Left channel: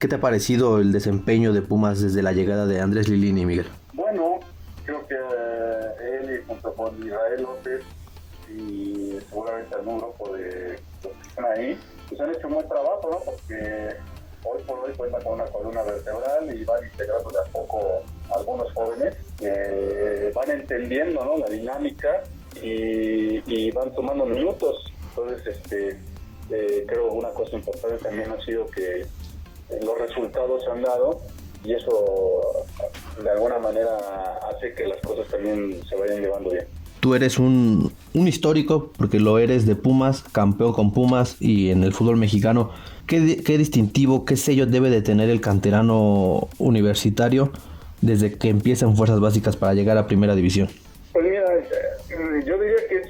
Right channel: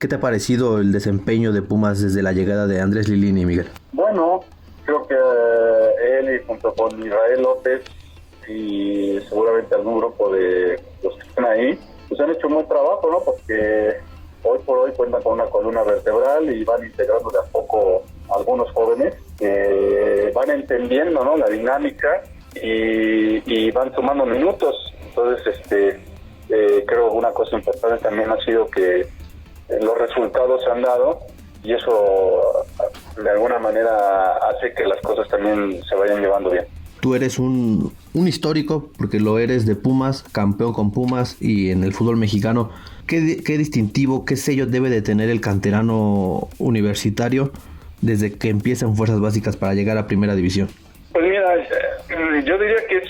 ¿Qué te ha parecido el desempeño de Pumas desde la llegada de Andrés Lilini, Miguel? Bueno, creo que él y junto con Israel López y seguramente algún grupo de los que están ahí, pues han hecho un buen trabajo, ¿no? Porque hoy por hoy cuentan con una columna vertebral y van integrando de a poco algunos jóvenes que van entendiendo, ¿no?, la dinámica y van sumando minutos. Entonces, creo que una cosa importante también ha sido que los resultados se han dado y eso de alguna manera hace que las cosas también se vayan llevando bien. Tú eres un histórico, porque lo eres, de Pumas, campeón con Pumas y en el fútbol mexicano. ¿Qué distintivo, qué sello debe de tener el canterano universitario desde que empieza en fuerzas básicas para llegar a primera división? Pues mira, yo diría que es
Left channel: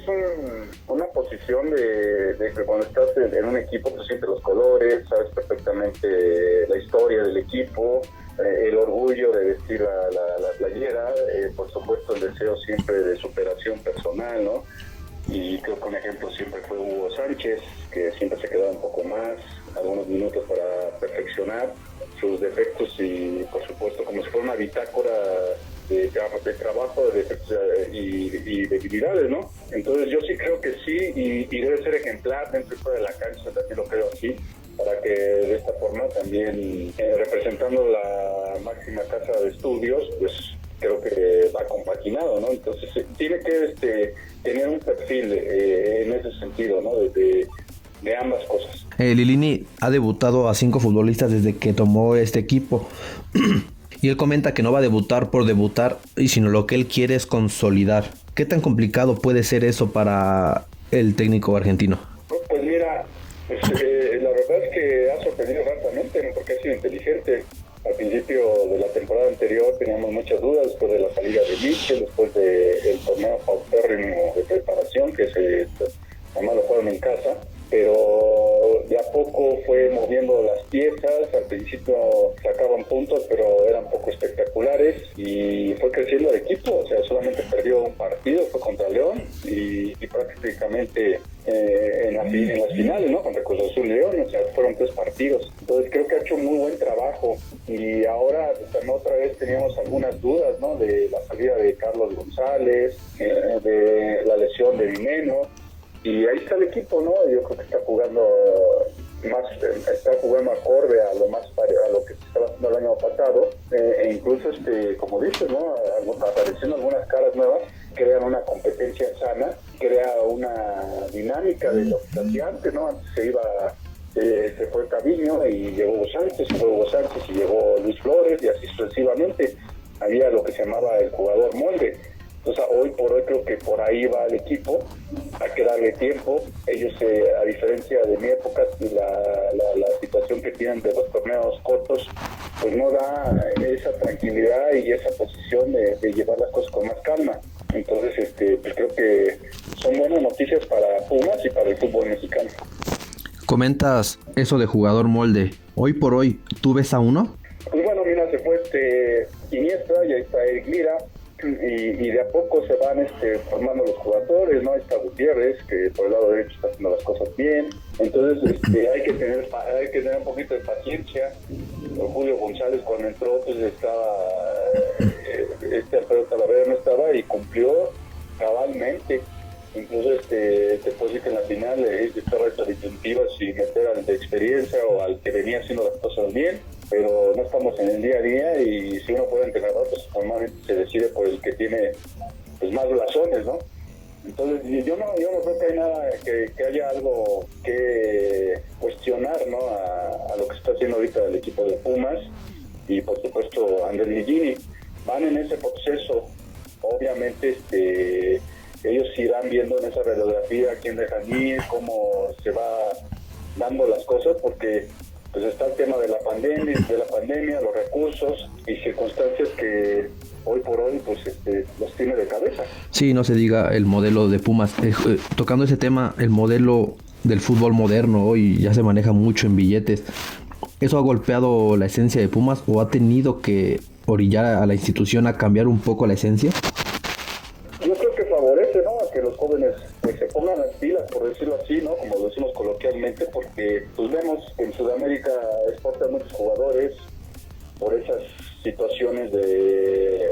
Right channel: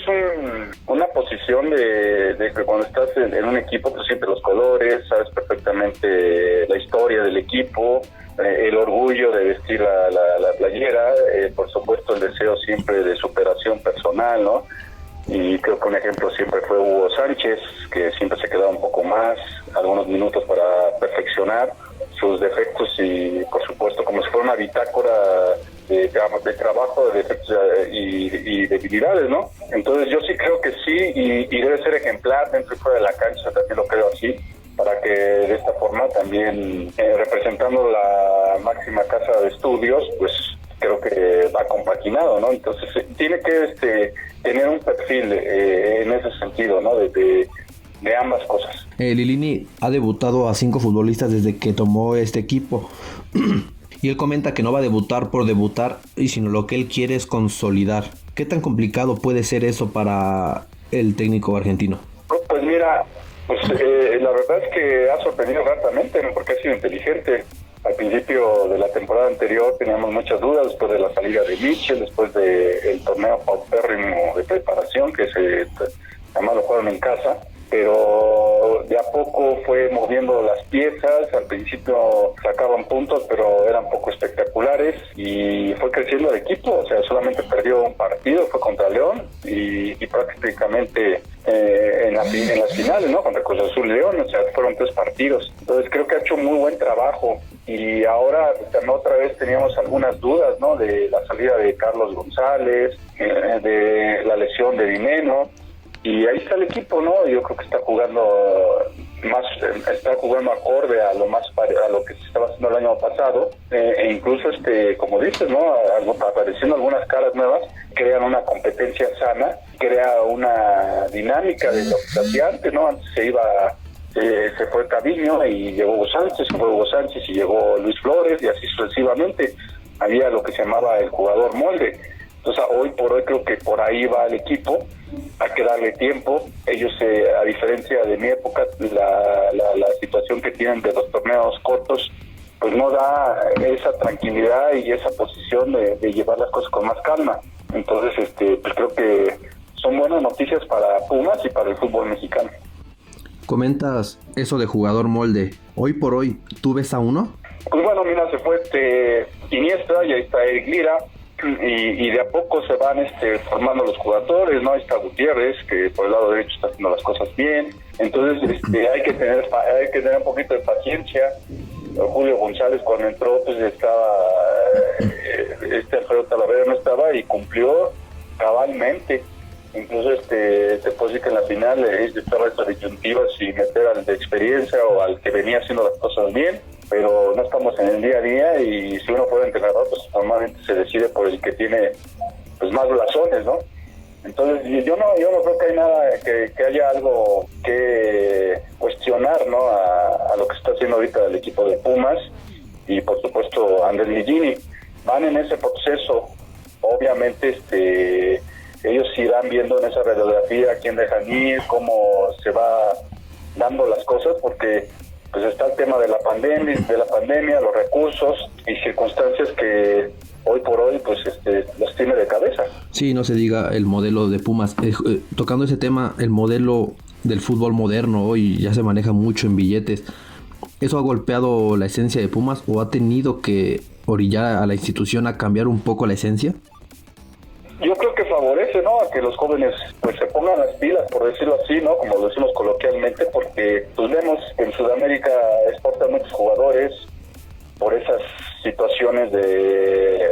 una posición de que cuando estás en un equipo, pues sientes los colores, sabes perfectamente la historia del equipo, el orgullo de vestir la playera, por supuesto el deseo siempre de superación personal, ¿no? Y creo que un ejemplo siempre fue Hugo Sánchez, que siempre se quedaba un poco más, algunos minutos para perfeccionar sus defectos y por supuesto como si fuera una bitácora de trabajo, de defectos y debilidades, ¿no? Entonces yo sí creo que sí y debe ser ejemplar dentro y fuera de la cancha, también lo creo así, para que de esta forma también representando la máxima casa de estudios, pues creo que va compaginado, ¿no? Entonces tiene que tener un perfil en ese sentido, ¿no? De ambas cosas. Lilini ha debutado a 5 futbolistas desde que tomó este equipo y él comenta que no va a debutar por debutar, y sino lo que él quiere es consolidar. ¿Qué tan complicado puede ser eso para el técnico argentino? Pues mira, la verdad es que ha sorprendido gratamente, ¿no? Porque ha sido inteligente. Al principio de la temporada anterior teníamos muchas dudas después de la salida de Mitchell, después del torneo paupérrimo de preparación que además lo jugaron en casa, pero de a poco fue moviendo las piezas. Al principio sacaban puntos, pero eran poco espectaculares y fue creciendo el equipo. O sea, solamente perdió un partido, fue contra León y prácticamente en las finales, ¿no? Contra Cruz Azul León, o sea, fueron 3 partidos. Entonces creo que ha hecho un muy buen trabajo y ahora también otra vez teníamos algunas dudas, ¿no? De la salida de Carlos González, de la lesión de Dineno. Y ahí está el equipo, ¿no? Yo creo que está jugando acorde a lo que se estaba haciendo el año pasado, e incluso como dices, ¿no? Apareciendo algunas caras nuevas, crean una competencia sana, crea una dinámica de lo que se hacía antes, ¿no? Antes se fue Caviño y llegó Hugo Sánchez, y llegó Luis Flores y así sucesivamente. Había lo que se llamaba el jugador molde. Entonces hoy por hoy creo que por ahí va el equipo, hay que darle tiempo. Ellos, a diferencia de mi época, la situación que tienen de los torneos cortos, pues no da esa tranquilidad y esa posición de llevar las cosas con más calma. Entonces pues creo que son buenas noticias para Pumas y para el fútbol mexicano. Comentas eso de jugador molde. Hoy por hoy, ¿tú ves a uno? Pues bueno, mira, se fue Iniesta y ahí está Eric Lira. Y de a poco se van formando los jugadores, ¿no? Ahí está Gutiérrez, que por el lado derecho está haciendo las cosas bien. Entonces hay que tener un poquito de paciencia. Julio González cuando entró pues estaba Alfredo Talavera no estaba y cumplió cabalmente. Incluso te puedo decir que en la final estaba esta disyuntiva si meter al de experiencia o al que venía haciendo las cosas bien, pero no estamos en el día a día y si uno puede entrenador, pues normalmente se decide por el que tiene pues más blasones, ¿no? Entonces yo no creo que hay nada, que haya algo que cuestionar, ¿no? A lo que está haciendo ahorita el equipo de Pumas y por supuesto Andrés Lilini. Van en ese proceso, obviamente ellos irán viendo en esa radiografía quién dejan ir, cómo se va dando las cosas, porque pues está el tema de la pandemia, los recursos y circunstancias que hoy por hoy pues los tiene de cabeza. Sí, no se diga el modelo de Pumas. Tocando ese tema, el modelo del fútbol moderno hoy ya se maneja mucho en billetes. ¿Eso ha golpeado la esencia de Pumas o ha tenido que orillar a la institución a cambiar un poco la esencia? Yo creo que favorece, ¿no? que los jóvenes pues se pongan las pilas, por decirlo así, ¿no? Como lo decimos coloquialmente, porque pues vemos que en Sudamérica exportan muchos jugadores por esas situaciones de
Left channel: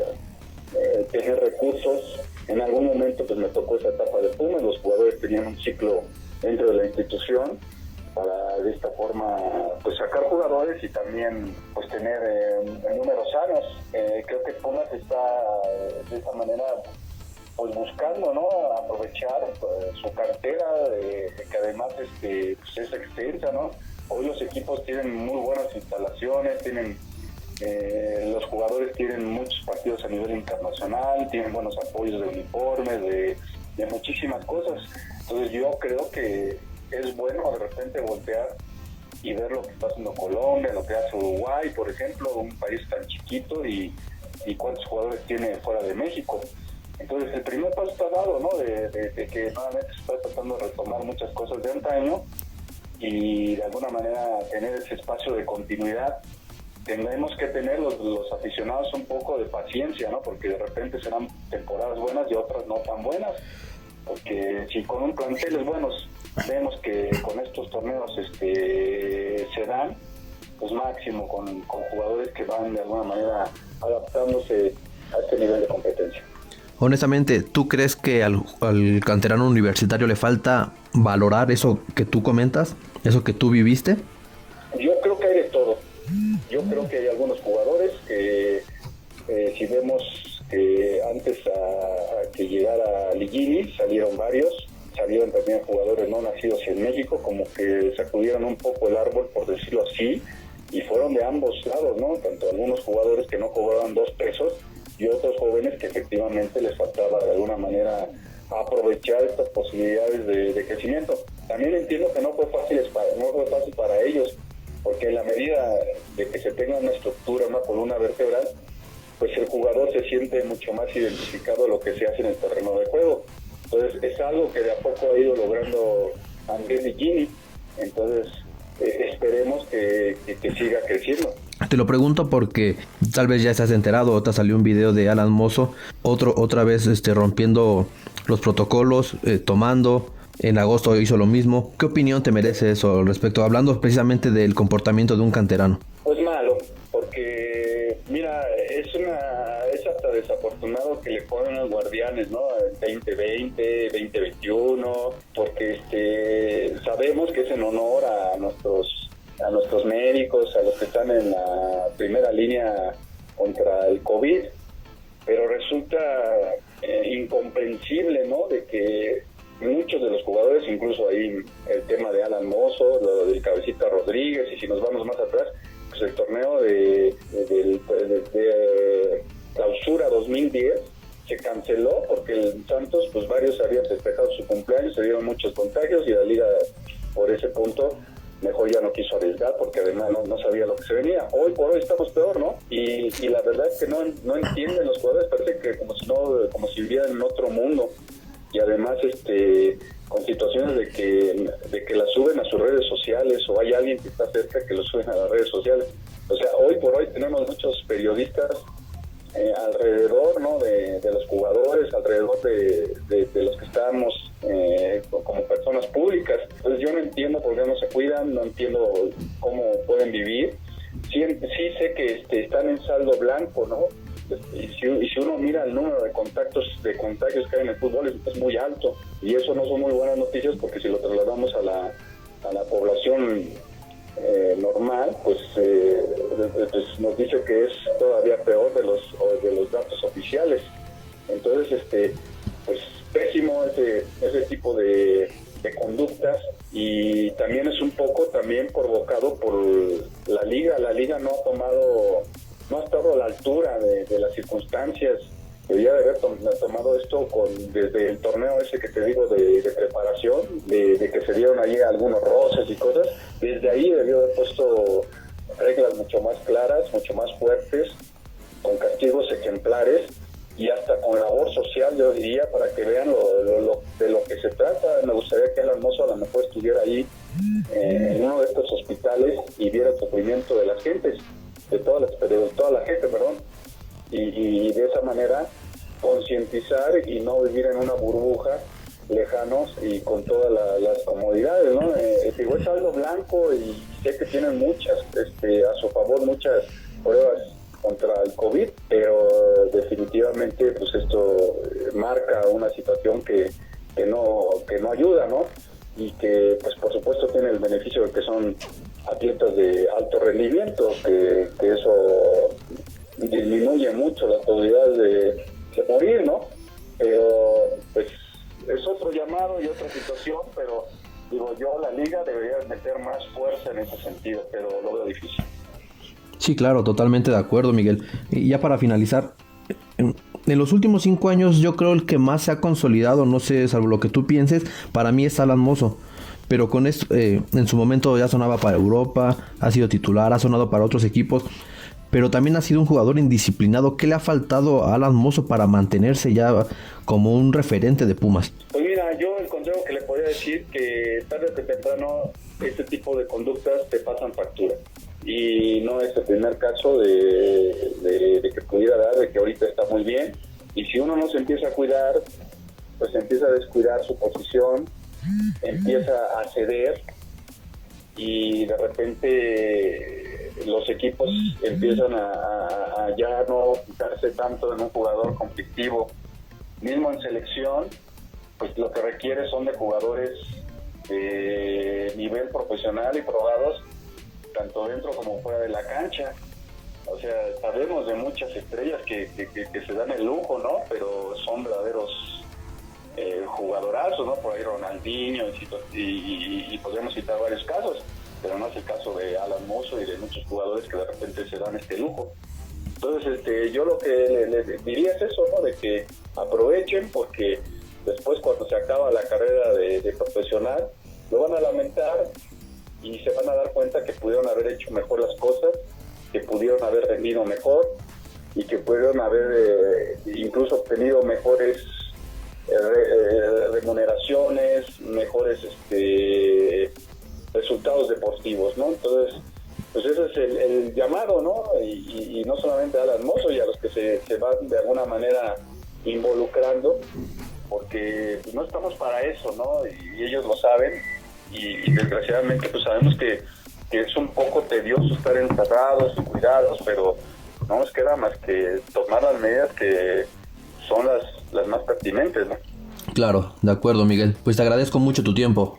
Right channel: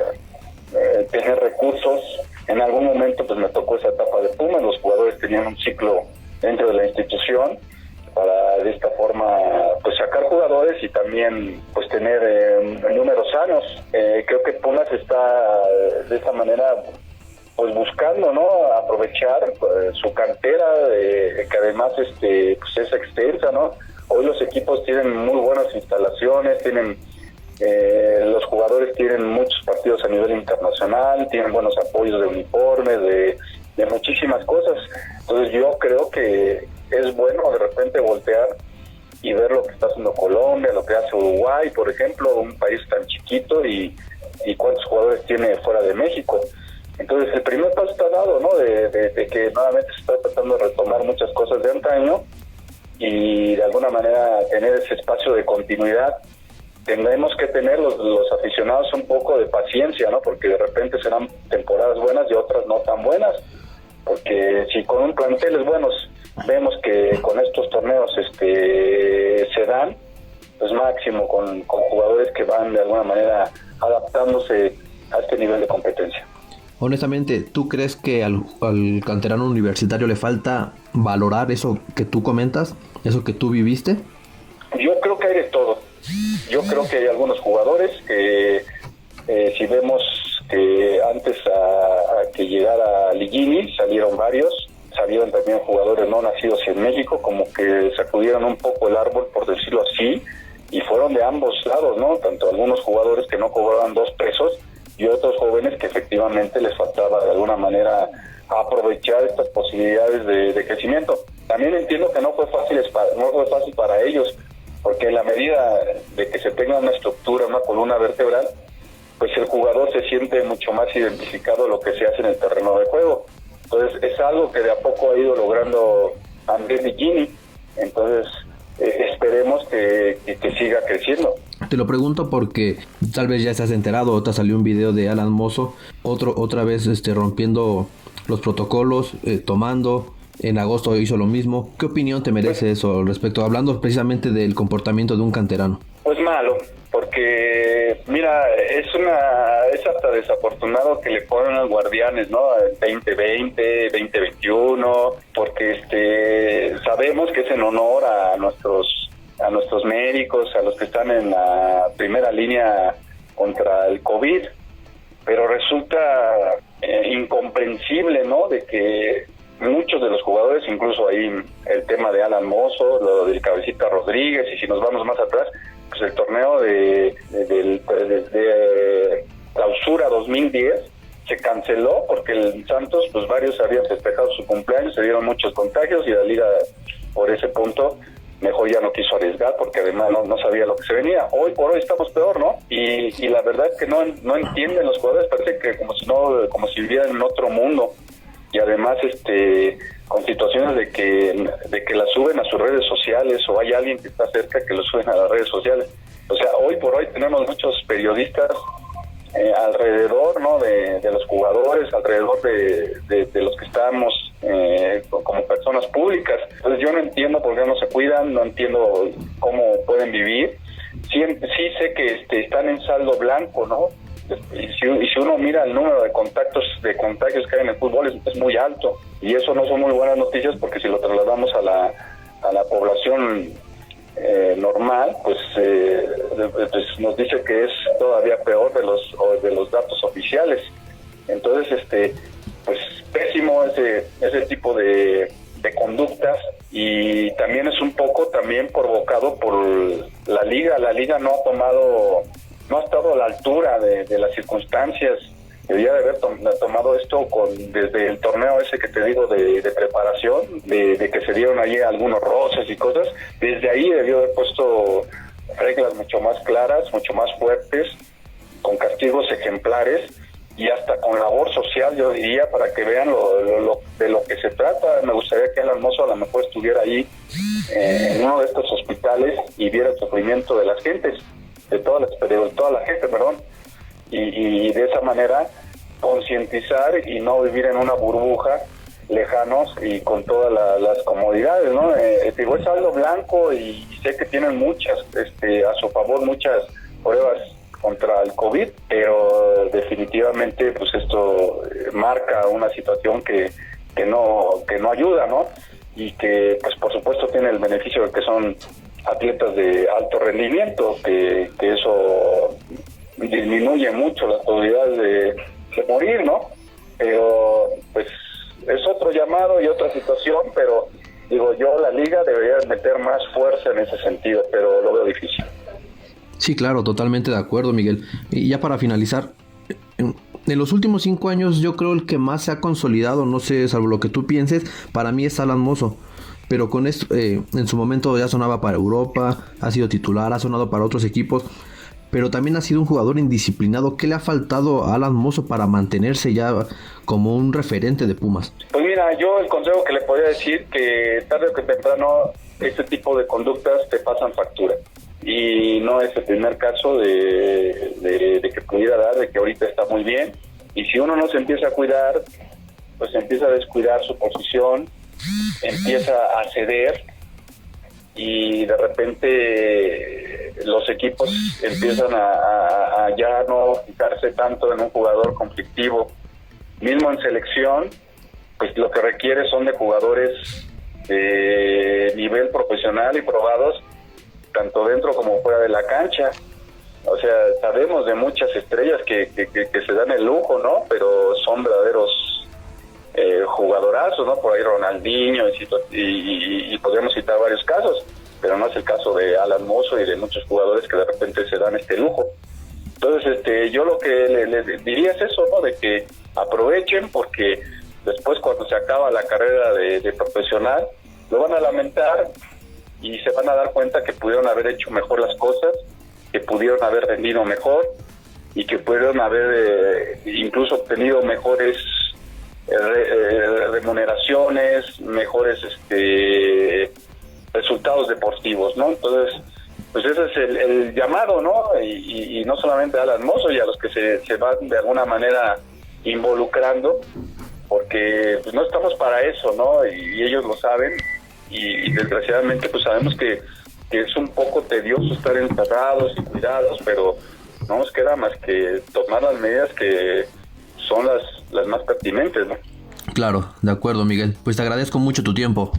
tener recursos. En algún momento pues me tocó esa etapa de Pumas, los jugadores tenían un ciclo dentro de la institución para de esta forma pues sacar jugadores y también pues tener números sanos. Creo que Pumas está de esta manera pues buscando, ¿no? Aprovechar su cartera, que además pues es extensa, ¿no? Hoy los equipos tienen muy buenas instalaciones, tienen los jugadores tienen muchos partidos a nivel internacional, tienen buenos apoyos de uniformes, de muchísimas cosas. Entonces yo creo que es bueno de repente voltear y ver lo que está haciendo Colombia, lo que hace Uruguay, por ejemplo, un país tan chiquito y cuántos jugadores tiene fuera de México. Entonces el primer paso está dado, ¿no? De que nuevamente se está tratando de retomar muchas cosas de antaño y de alguna manera tener ese espacio de continuidad. Tendremos que tener los aficionados un poco de paciencia, ¿no? Porque de repente serán temporadas buenas y otras no tan buenas. Porque si con un planteles buenos vemos que con estos torneos se dan, pues máximo con jugadores que van de alguna manera adaptándose a este nivel de competencia. Honestamente, ¿tú crees que al canterano universitario le falta valorar eso que tú comentas, eso que tú viviste? Yo creo que hay de todo. Yo creo que hay algunos jugadores que si vemos que antes a que llegara Ligini salieron varios, salieron también jugadores no nacidos en México, como que sacudieron un poco el árbol, por decirlo así, y fueron de ambos lados, ¿no? Tanto algunos jugadores que no cobraban 2 pesos y otros jóvenes que efectivamente les faltaba de alguna manera aprovechar estas posibilidades de crecimiento. También entiendo que no fue fácil para ellos, porque en la medida de que se tenga una estructura, una columna vertebral, pues el jugador se siente mucho más identificado lo que se hace en el terreno de juego. Entonces es algo que de a poco ha ido logrando Andrés Ligini. Entonces esperemos que siga creciendo. Te lo pregunto porque tal vez ya estás enterado, otra salió un video de Alan Mozo, otra vez rompiendo los protocolos, tomando. En agosto hizo lo mismo. ¿Qué opinión te merece eso respecto, hablando precisamente del comportamiento de un canterano? Pues malo, porque mira, es hasta desafortunado que le ponen a los guardianes, ¿no? 2020, 2021, porque sabemos que es en honor a nuestros médicos, a los que están en la primera línea contra el COVID, pero resulta incomprensible, ¿no? De que muchos de los jugadores, incluso ahí el tema de Alan Mozo, lo del Cabecita Rodríguez, y si nos vamos más atrás, pues el torneo de clausura 2010 se canceló porque el Santos, pues varios habían festejado su cumpleaños, se dieron muchos contagios y la liga por ese punto mejor ya no quiso arriesgar porque además no sabía lo que se venía. Hoy por hoy estamos peor, ¿no? Y la verdad es que no entienden los jugadores, parece que como si vivieran en otro mundo. Y además con situaciones de que la suben a sus redes sociales o hay alguien que está cerca que lo suben a las redes sociales. O sea, hoy por hoy tenemos muchos periodistas alrededor, ¿no? de los jugadores, alrededor de los que estamos como personas públicas. Entonces yo no entiendo por qué no se cuidan, no entiendo cómo pueden vivir. Sí sé que están en saldo blanco, ¿no? Y si uno mira el número de contagios que hay en el fútbol es muy alto, y eso no son muy buenas noticias, porque si lo trasladamos a la población normal, pues nos dice que es todavía peor de los datos oficiales. Entonces pues pésimo ese tipo de conductas, y también es un poco también provocado por la liga no ha estado a la altura de las circunstancias. Debería de haber tomado esto desde el torneo ese que te digo de preparación, de que se dieron ahí algunos roces y cosas. Desde ahí debió haber puesto reglas mucho más claras, mucho más fuertes, con castigos ejemplares y hasta con labor social, yo diría, para que vean de lo que se trata. Me gustaría que Alan Mozo a lo mejor estuviera ahí en uno de estos hospitales y viera el sufrimiento de las gentes, de toda la gente, y de esa manera concientizar y no vivir en una burbuja lejanos y con todas las comodidades, ¿no? Digo, es algo blanco y sé que tienen muchas, a su favor, muchas pruebas contra el COVID, pero definitivamente pues esto marca una situación que no ayuda, ¿no? Y que pues por supuesto tiene el beneficio de que son atletas de alto rendimiento, que eso disminuye mucho las probabilidades de morir, ¿no? Pero pues es otro llamado y otra situación, pero digo yo, la liga debería meter más fuerza en ese sentido, pero lo veo difícil. Sí, claro, totalmente de acuerdo, Miguel. Y ya para finalizar, en los últimos 5 años yo creo el que más se ha consolidado, no sé, salvo lo que tú pienses, para mí es Alan Mozo. Pero con esto, en su momento ya sonaba para Europa, ha sido titular, ha sonado para otros equipos, pero también ha sido un jugador indisciplinado. ¿Qué le ha faltado a Alan Mozo para mantenerse ya como un referente de Pumas? Pues mira, yo el consejo que le podría decir que tarde o que temprano este tipo de conductas te pasan factura. Y no es el primer caso de que pudiera dar, de que ahorita está muy bien. Y si uno no se empieza a cuidar, pues empieza a descuidar su posición, empieza a ceder y de repente los equipos empiezan a ya no fijarse tanto en un jugador conflictivo. Mismo en selección, pues lo que requiere son de jugadores de nivel profesional y probados tanto dentro como fuera de la cancha. O sea, sabemos de muchas estrellas que se dan el lujo, ¿no? Pero son verdaderos jugadorazos, ¿no? Por ahí Ronaldinho y podríamos citar varios casos, pero no es el caso de Alan Mozo y de muchos jugadores que de repente se dan este lujo. Entonces, yo lo que les diría es eso, ¿no? De que aprovechen, porque después cuando se acaba la carrera de profesional, lo van a lamentar y se van a dar cuenta que pudieron haber hecho mejor las cosas, que pudieron haber rendido mejor y que pudieron haber incluso obtenido mejores remuneraciones, mejores resultados deportivos, ¿no? Entonces, pues ese es el llamado, ¿no? Y no solamente a Alan Mozo y a los que se van de alguna manera involucrando, porque pues no estamos para eso, ¿no? Y ellos lo saben y desgraciadamente pues sabemos que es un poco tedioso estar encerrados y cuidados, pero no nos queda más que tomar las medidas que son las más pertinentes, ¿no? Claro, de acuerdo, Miguel. Pues te agradezco mucho tu tiempo.